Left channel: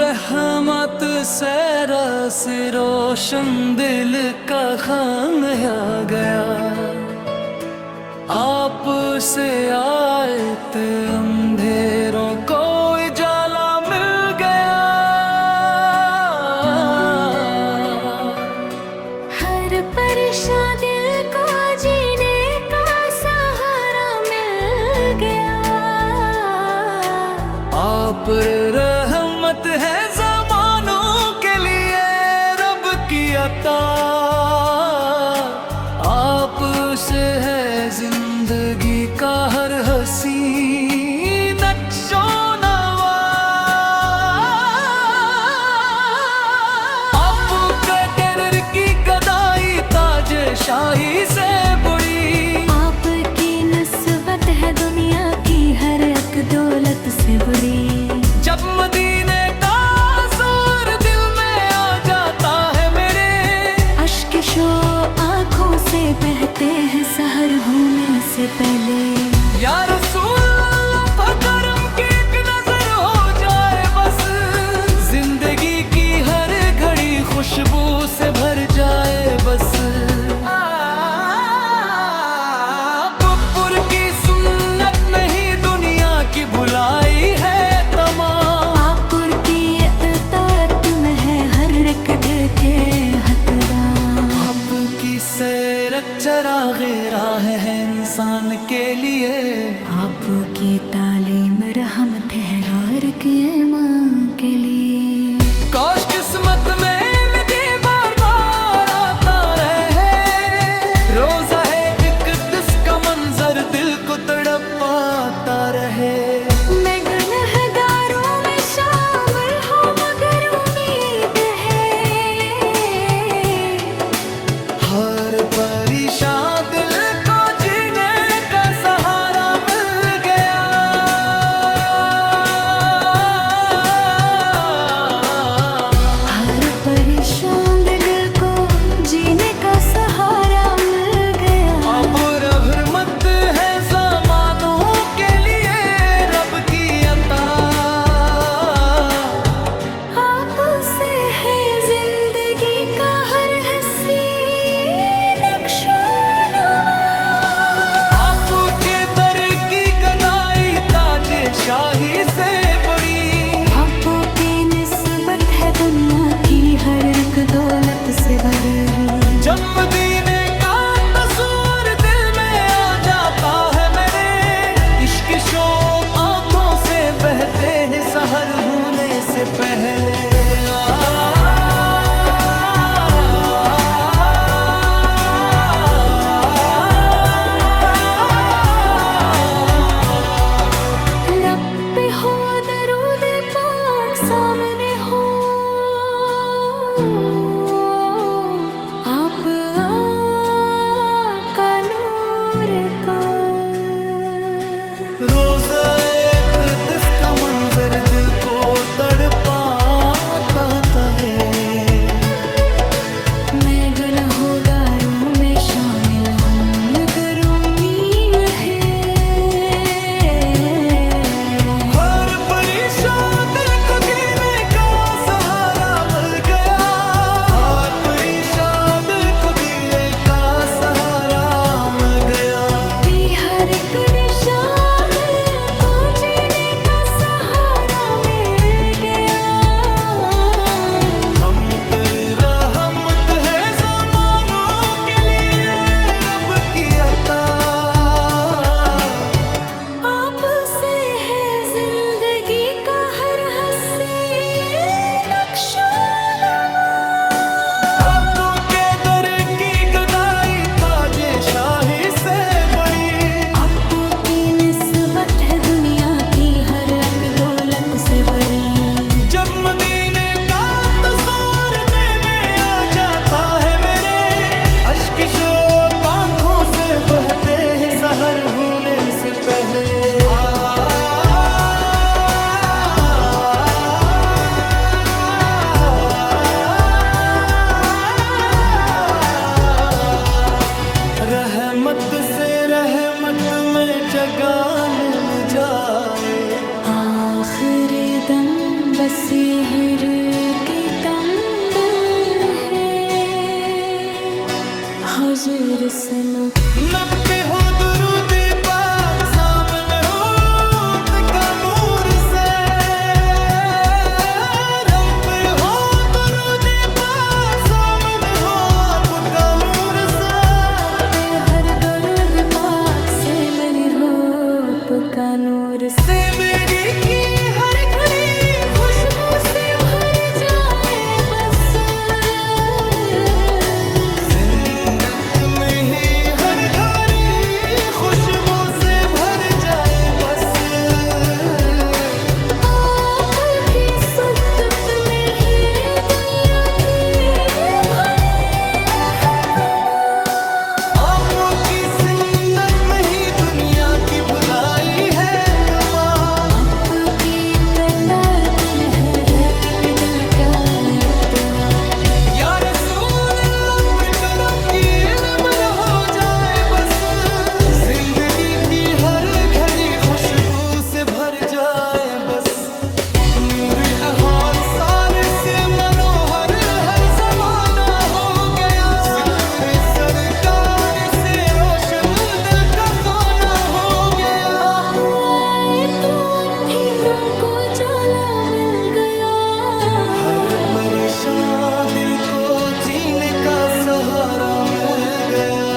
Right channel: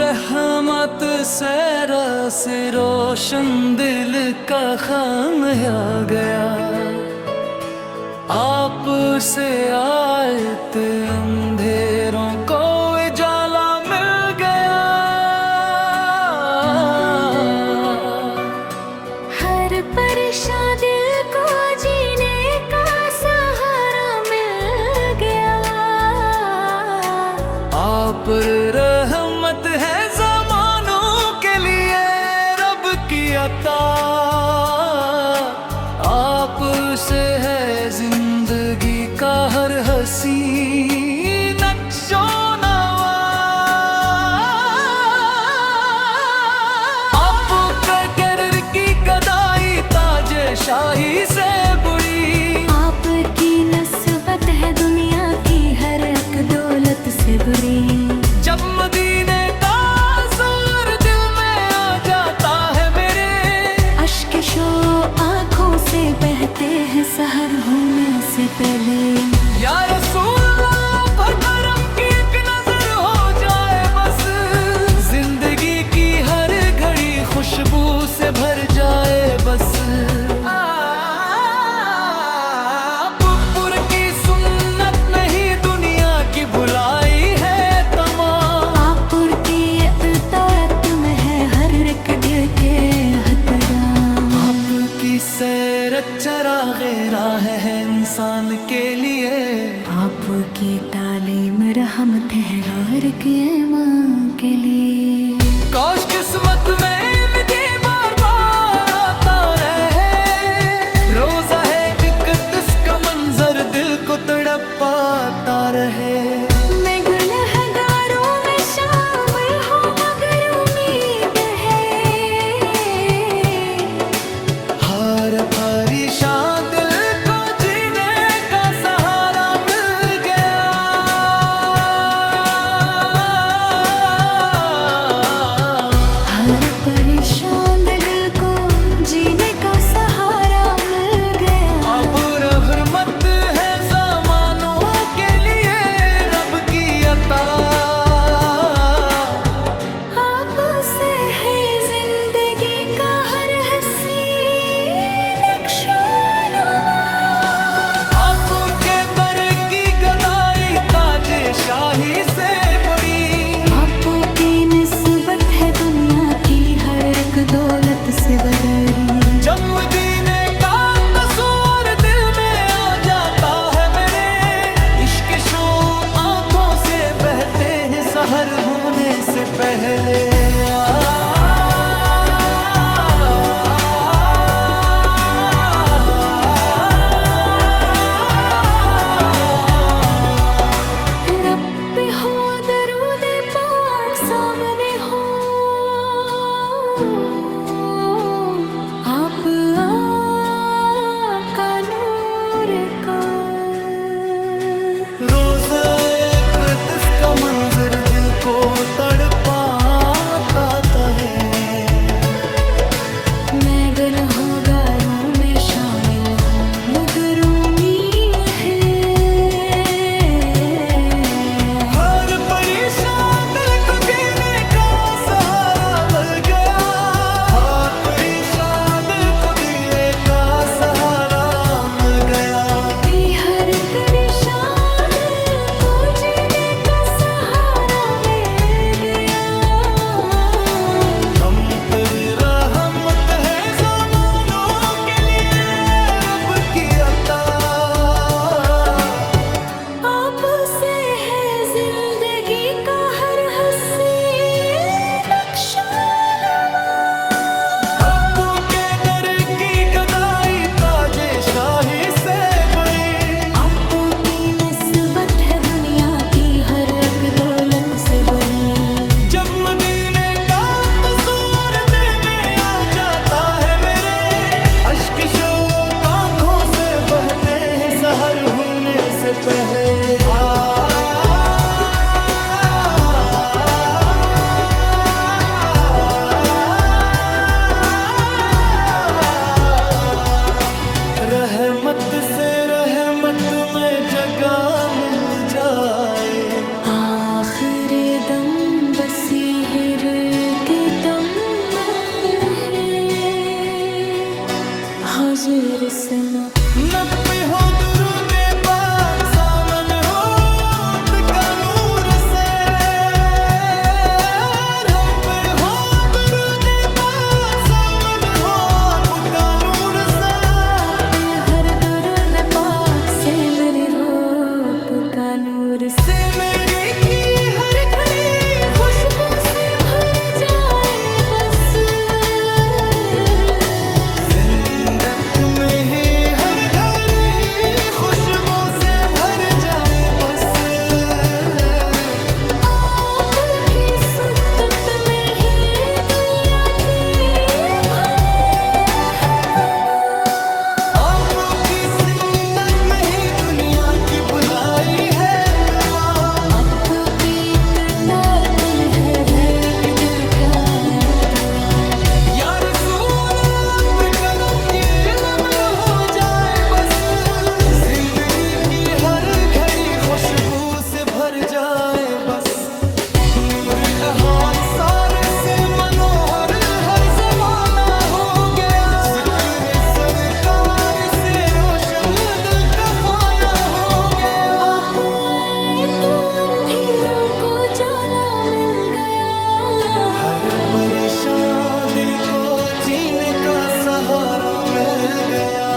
रहमत से रस रोशन दिल का खाम आ गया, आप से आयत अंधेरों को उजाला मिल गया। हर परेशान दिल को जीने का सहारा मिल गया, आप रहमत है ज़मानों के लिए रब की अता, आप से है जिंदगी का हर हसी नक्शो नवा। आपके कहर की गदाई ताजे शाही से बुरी, आपकी नस्बत है दुनिया की हर एक दौलत से बुरी। जब मदीने का जोर दिल में आ जाता है मेरे, अश्क शो आँखों से बहते हैं सहर होने से पहले। या रसूल अल्लाह पर करम की एक नजर हो जाए बस, जिंदगी की हर घड़ी खुशबू से भर जाए बस। पुर की सुन्नत नहीं दुनिया की भुलाई है तमाम, आपुर की इताअत में है हर एक दिल के हकदार। आपकी सैरत चराग़े राह है इंसान के लिए, आपकी तालीम रहमत है हर के माँ के लिए। काश किस्मत में विधि बार बार आता रहे, रोजा है एक दिस का मंजर दिल को तड़पाता रहे। मैं गुनहगारों में शामिल हूँ मगर उम्मीद है, हर परेशान दिल को जीने का सहारा मिल गया। हर परेशान दिल को जीने का सहारा मिल गया। अब रहमत है ज़मानों के लिए रब की अता, आपसे है जिंदगी का हर हसी नक्शो नवा। आपके दर की गदाई ताजे शाही से बड़ी, आपो की निस्बत है दुनिया की हर एक दौलत से बड़ी। जब मदीने का तस्वीर दिल में आ जाता है मेरे, इश्क शोक आंखों से बहते हैं सहर होने से पहले। रब पे हो दरूद पाक सामने हो, आप आका नूर का। रोज एक दिस का मंजर दिल को तड़पाता है। मैं गुनहगारों में शामिल हूँ मगर उम्मीद है, हर परेशान दिल को जीने का सहारा मिल गया, हर परेशान दिल को जीने का सहारा मिल गया। हर परेशान दिल को जीने का सहारा मिल गया। हम तेरी रहमत है ज़मानों के लिए रब की अता, आपसे है जिंदगी का हर हसी नक्शो नवा। आपके दर की गदाई ताजे शाही से बड़ी, आपो की निस्बत है दुनिया की हर एक दौलत से बड़ी। जब मदीने का तस्वीर दिल में आ जाता है मेरे, अश्क शोक आंखों से बहते हैं सहर होने से पहले। रहमत से रहमत में जगह मिल जाए, आखिर दम बसी हिर के दम है हुजूर सनो। नब्बे हो दुरूदे पाक सामन हो का नूर से, हम पे हो दुरूदे पाक सामन हो पुका नूर से। पे हर दरुद पाक से मेरी होप का नूर से मेरी की हर घड़ी खुशबू से भर जाए बस, जिंदत में ही हर घड़ी खुशबू से भर जाए बस। आपकी सुन्नत में ही दुनिया की भरे आपकी सुन्नत में ही दुनिया की भुलाई है आपकी कतार तुम्हें है एक दिल का एक टुकड़ा। या रसूल अल्लाह पे करम की इल्म हो जाए बस, जिंदगी की हर घड़ी खुशबू से भर जाए बस। नूर अहाद सारे से मनोहर हर जमाना हो गया, जिक्र सरकार से रोशन दिल का खाना हो गया। अब आए तो अंधेरों को जाला मिल गया, हर परेशान दिल को जीने का सहारा मिल गया।